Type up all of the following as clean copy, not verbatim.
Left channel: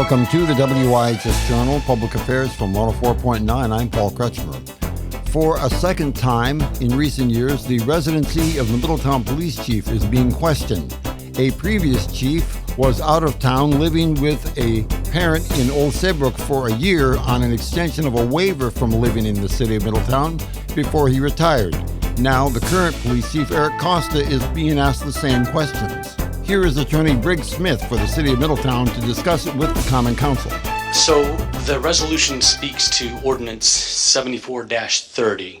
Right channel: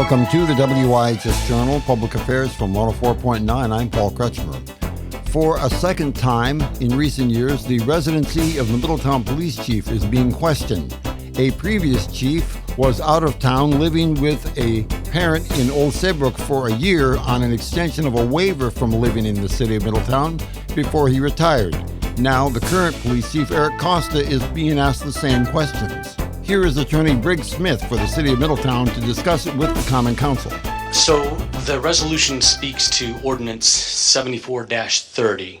Welcome to the WIHS Journal, Public Affairs from 104.9. I'm Paul Kretschmer. For a second time in recent years, the residency of the Middletown police chief is being questioned. A previous chief was out of town living with a parent in Old Saybrook for a year on an extension of a waiver from living in the city of Middletown before he retired. Now, the current police chief, Eric Costa, is being asked the same questions. Here is Attorney Briggs Smith for the city of Middletown to discuss it with the Common Council. So the resolution speaks to Ordinance 74-30,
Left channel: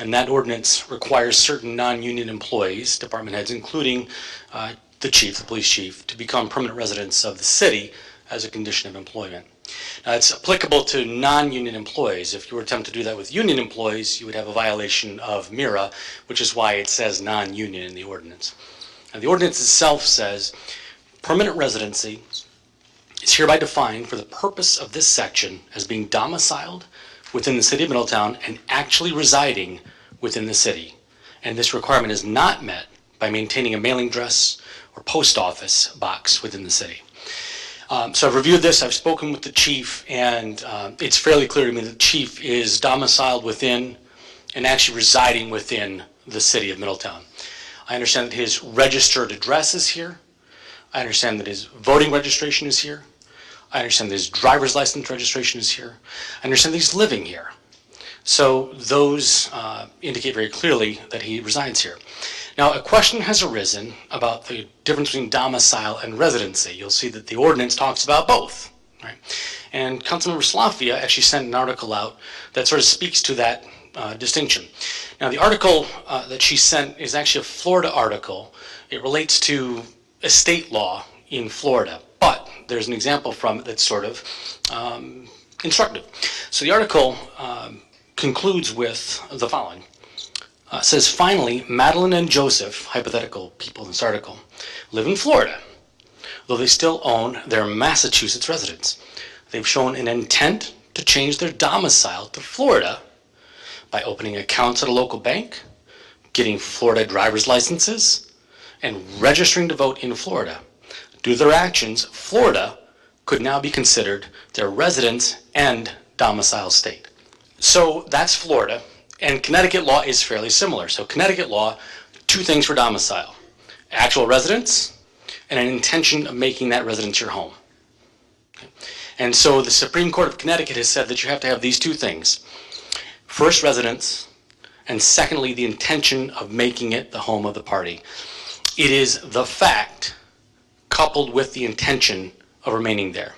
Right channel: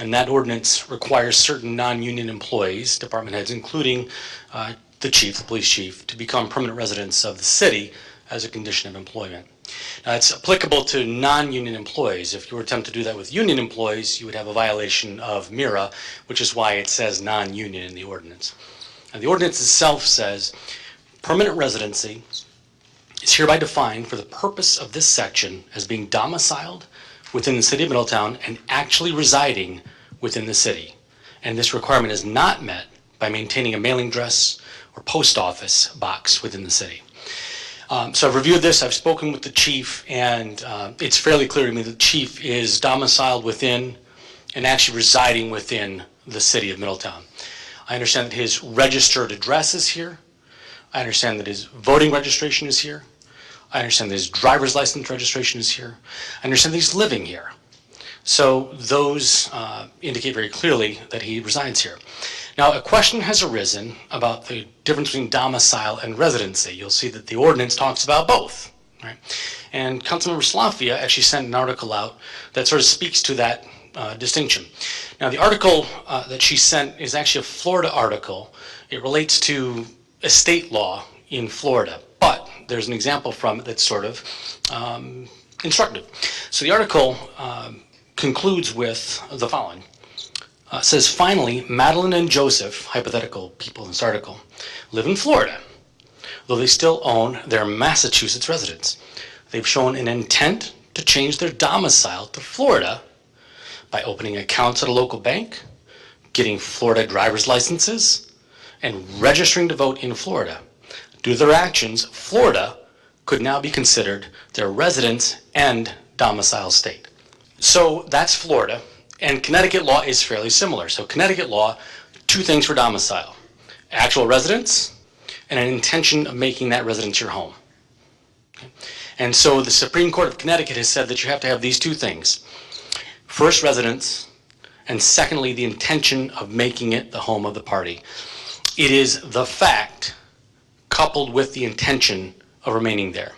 and that ordinance requires certain non-union employees, department heads, including the chief, the police chief, to become permanent residents of the city as a condition of employment. Now, it's applicable to non-union employees. If you were to attempt to do that with union employees, you would have a violation of MIRA, which is why it says non-union in the ordinance. Now, the ordinance itself says permanent residency is hereby defined for the purpose of this section as being domiciled within the city of Middletown and actually residing within the city. And this requirement is not met by maintaining a mailing address or post office box within the city. So I've reviewed this, I've spoken with the chief, and it's fairly clear to me that the chief is domiciled within and actually residing within the city of Middletown. I understand that his registered address is here. I understand that his voting registration is here. I understand that his driver's license registration is here. I understand that he's living here. So those indicate very clearly that he resides here. Now, a question has arisen about the difference between domicile and residency. You'll see that the ordinance talks about both, right? And Councilmember Slafia actually sent an article out that sort of speaks to that distinction. Now, the article that she sent is actually a Florida article. It relates to estate law in Florida, but there's an example from it that's sort of instructive. So the article concludes with the following. It says, finally, Madeline and Joseph, hypothetical people in this article, live in Florida, though they still own their Massachusetts residence. They've shown an intent to change their domicile to Florida by opening accounts at a local bank, getting Florida driver's licenses, and registering to vote in Florida. Due to their actions, Florida could now be considered their residence and domicile state. So that's Florida, and Connecticut law is fairly similar. So Connecticut law, two things for domicile: actual residence and an intention of making that residence your home. Okay? And so the Supreme Court of Connecticut has said that you have to have these two things: first, residence, and secondly, the intention of making it the home of the party. It is the fact coupled with the intention of remaining there.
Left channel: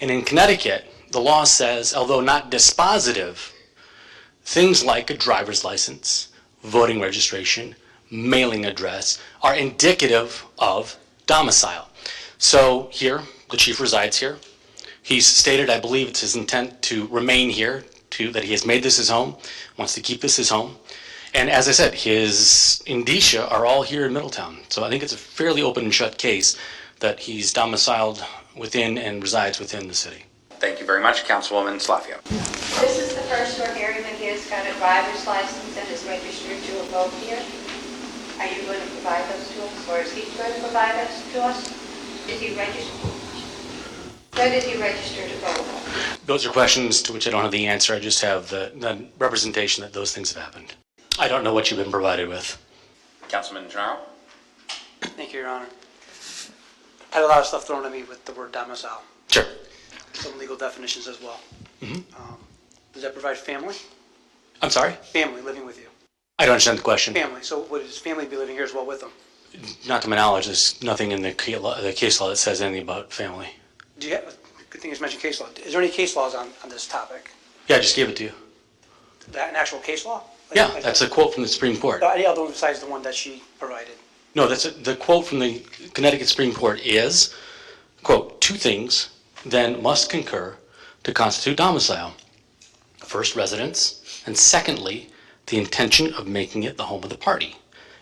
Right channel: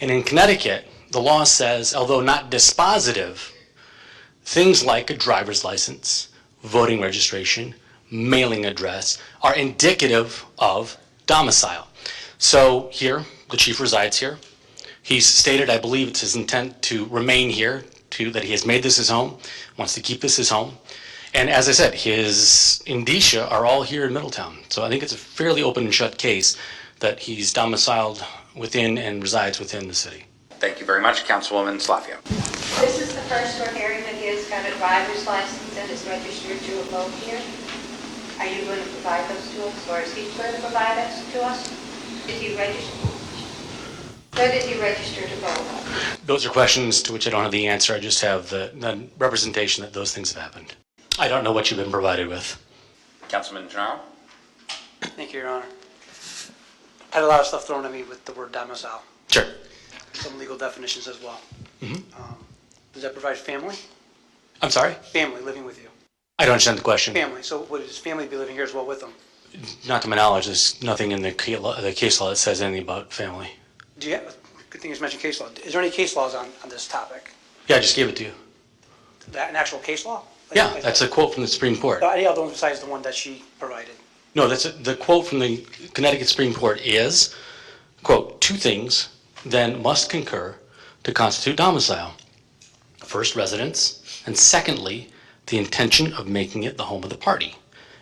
And in Connecticut, the law says, although not dispositive, things like a driver's license, voting registration, mailing address are indicative of domicile. So here, the chief resides here. He's stated, I believe it's his intent to remain here, that he has made this his home, wants to keep this his home. And as I said, his indicia are all here in Middletown. So I think it's a fairly open and shut case that he's domiciled within and resides within the city. Thank you very much, Councilwoman Slafia. This is the first we're hearing that he has got a driver's license and is registered to vote here. Are you going to provide those to us, or is he going to provide those to us? Did he register? When did he register to vote? Those are questions to which I don't have the answer. I just have the representation that those things have happened. I don't know what you've been provided with. Councilman General. Thank you, Your Honor. I had a lot of stuff thrown at me with the word domicile. Sure. Some legal definitions as well. Mm-hmm. Does that provide family? I'm sorry? Family living with you. I don't understand the question. Family. So would his family be living here as well with him? Not to my knowledge, there's nothing in the case law that says anything about family. Do you have, good thing you mentioned case law. Is there any case laws on this topic? Yeah, I just gave it to you. An actual case law? Yeah, that's a quote from the Supreme Court. Any other one besides the one that she provided? No, the quote from the Connecticut Supreme Court is, quote, two things then must concur to constitute domicile. First, residence, and secondly, the intention of making it the home of the party.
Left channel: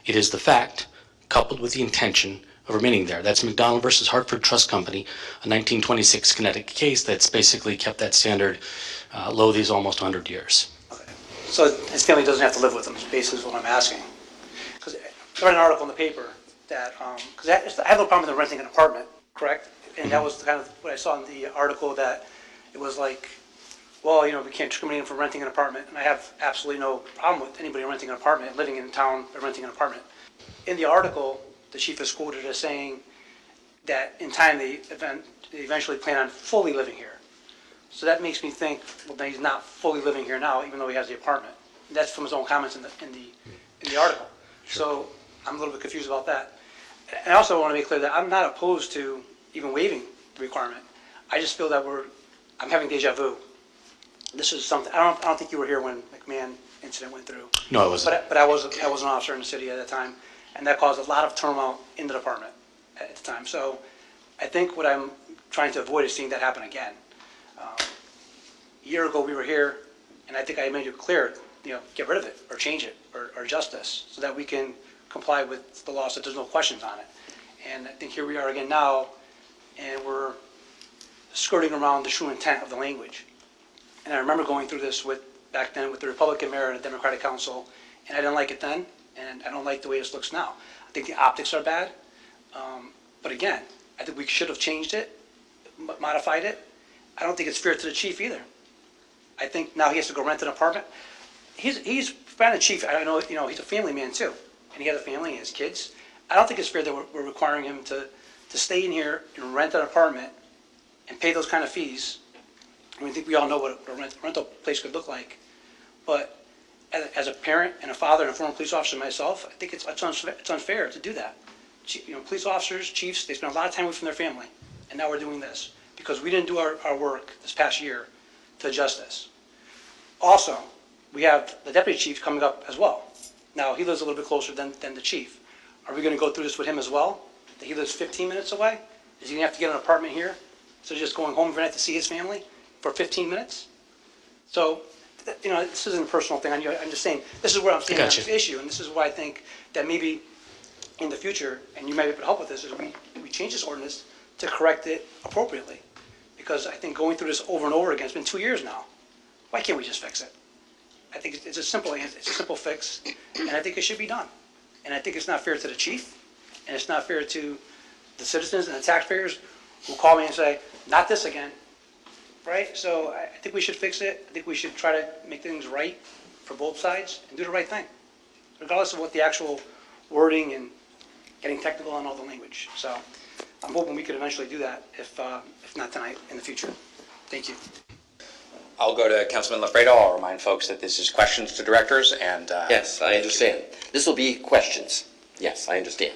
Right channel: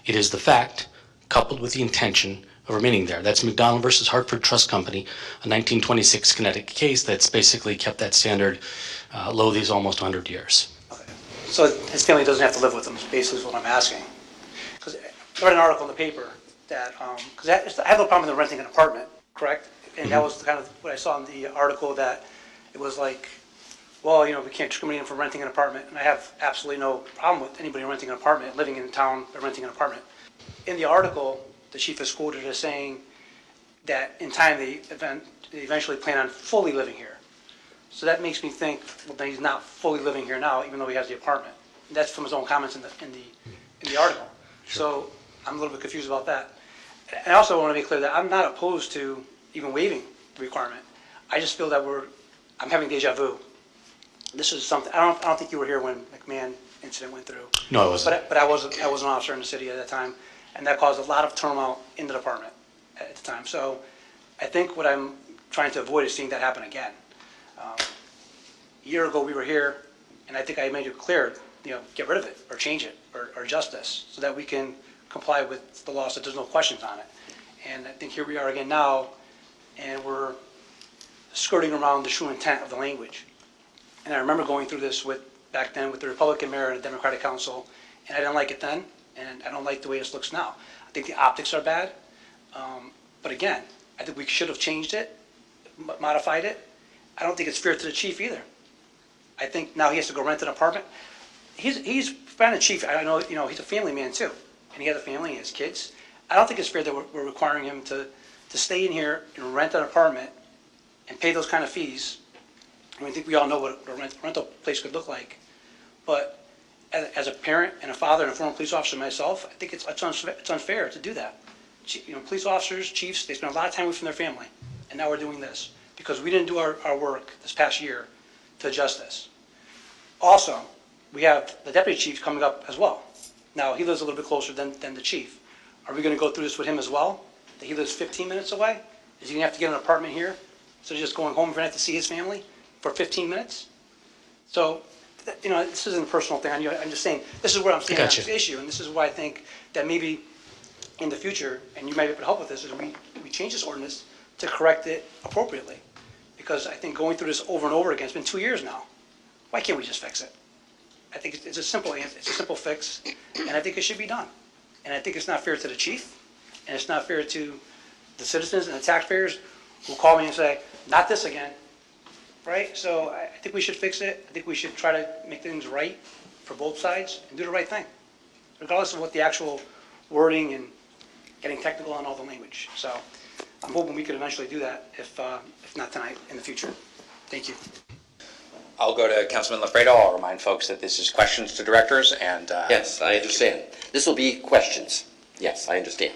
It is the fact coupled with the intention of remaining there. That's McDonald versus Hartford Trust Company, a 1926 Connecticut case that's basically kept that standard low these almost 100 years. Okay. So his family doesn't have to live with him, is basically what I'm asking. Because I read an article in the paper that, because I have no problem with renting an apartment, correct? And that was kind of what I saw in the article, that it was like, well, you know, we can't discriminate for renting an apartment. And I have absolutely no problem with anybody renting an apartment, living in town, or renting an apartment. In the article, the chief is quoted as saying that in time they eventually plan on fully living here. So that makes me think, well, that he's not fully living here now, even though he has the apartment. And that's from his own comments in the article. So I'm a little bit confused about that. And I also want to make clear that I'm not opposed to even waiving the requirement. I just feel that I'm having deja vu. This is something, I don't think you were here when McMahon incident went through. No, I wasn't. But I was an officer in the city at that time, and that caused a lot of turmoil in the department at the time. So I think what I'm trying to avoid is seeing that happen again. A year ago, we were here, and I think I made it clear, you know, get rid of it, or change it, or adjust this, so that we can comply with the law, so there's no questions on it. And I think here we are again now, and we're skirting around the true intent of the language. And I remember going through this back then with the Republican mayor and the Democratic council, and I didn't like it then, and I don't like the way this looks now. I think the optics are bad, but again, I think we should have changed it, modified it. I don't think it's fair to the chief either. I think now he has to go rent an apartment. He's been a chief, I know, you know, he's a family man too, and he has a family, he has kids. I don't think it's fair that we're requiring him to stay in here and rent an apartment and pay those kind of fees. I mean, I think we all know what a rental place could look like. But as a parent and a father and a former police officer myself, I think it's unfair to do that. You know, police officers, chiefs, they spend a lot of time away from their family, and now we're doing this because we didn't do our work this past year to adjust this. Also, we have the deputy chief coming up as well. Now, he lives a little bit closer than the chief. Are we going to go through this with him as well? That he lives 15 minutes away? Is he going to have to get an apartment here? So just going home every night to see his family for 15 minutes? So, you know, this isn't a personal thing. I'm just saying, this is where I'm standing on this issue, and this is why I think that maybe in the future, and you might be able to help with this, is we change this ordinance to correct it appropriately. Because I think going through this over and over again, it's been 2 years now. Why can't we just fix it? I think it's a simple fix, and I think it should be done. And I think it's not fair to the chief, and it's not fair to the citizens and the taxpayers who call me and say, not this again, right? So I think we should fix it. I think we should try to make things right for both sides and do the right thing, regardless of what the actual wording and getting technical on all the language. So I'm hoping we could eventually do that, if not tonight, in the future. Thank you. I'll go to Councilman Lafredo. I'll remind folks that this is questions to directors, and Yes, I understand. This will be questions. Yes, I understand.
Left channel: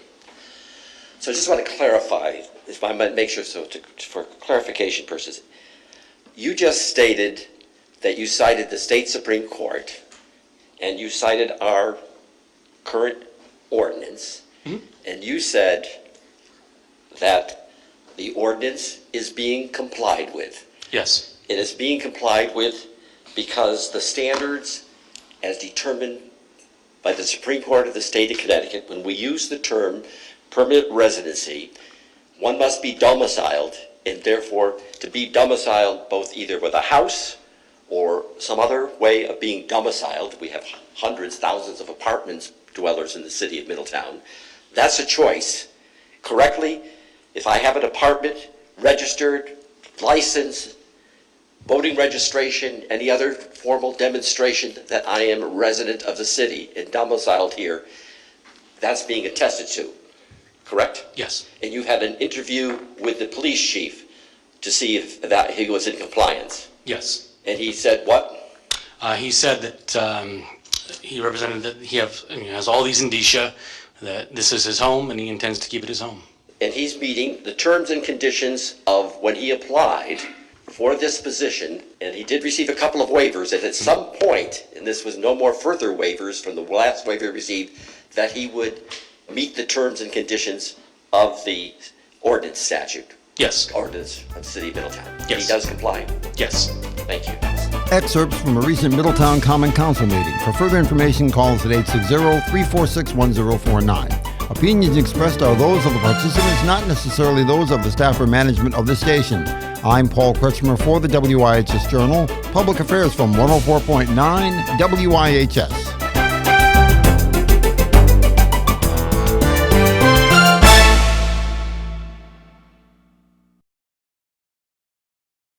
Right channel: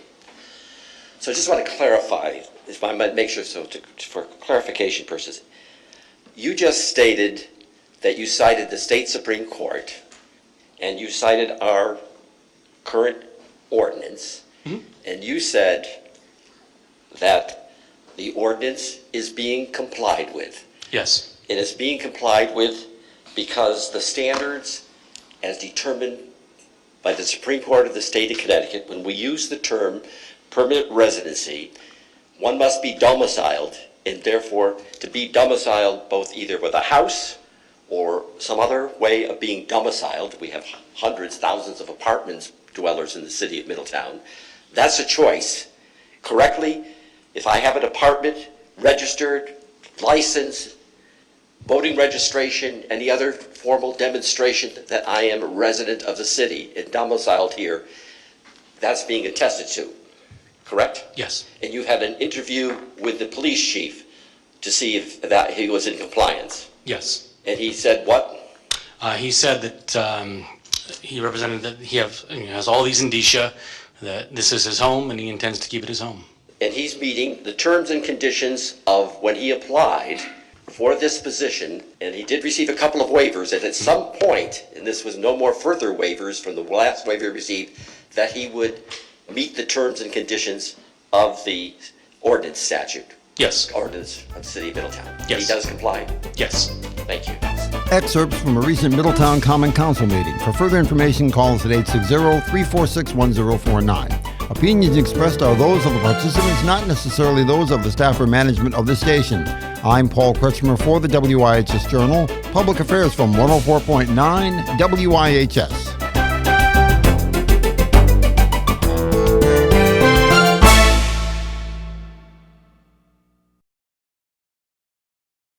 So I just want to clarify, if I might make sure so, for clarification purposes. You just stated that you cited the state Supreme Court, and you cited our current ordinance, and you said that the ordinance is being complied with. Yes. It is being complied with because the standards as determined by the Supreme Court of the state of Connecticut, when we use the term permanent residency, one must be domiciled, and therefore to be domiciled both either with a house or some other way of being domiciled. We have hundreds, thousands of apartments dwellers in the city of Middletown. That's a choice. Correctly, if I have an apartment, registered, licensed, voting registration, any other formal demonstration that I am a resident of the city and domiciled here, that's being attested to, correct? Yes. And you had an interview with the police chief to see if that he was in compliance. Yes. And he said what? He said that he represented that he has all these indicia that this is his home and he intends to keep it his home. And he's meeting the terms and conditions of when he applied for this position, and he did receive a couple of waivers, and at some point, and this was no more further waivers from the last waiver he received, that he would meet the terms and conditions of the ordinance statute. Yes. Ordinance of the city of Middletown. Yes. He does comply. Yes. Thank you. Excerpts from a recent Middletown Common Council meeting. For further information, call us at 860-346-1049. Opinions expressed are those of the participants, not necessarily those of the staff or management of the station. I'm Paul Kretschmer for the WIHS Journal, Public Affairs from 104.9 WIHS.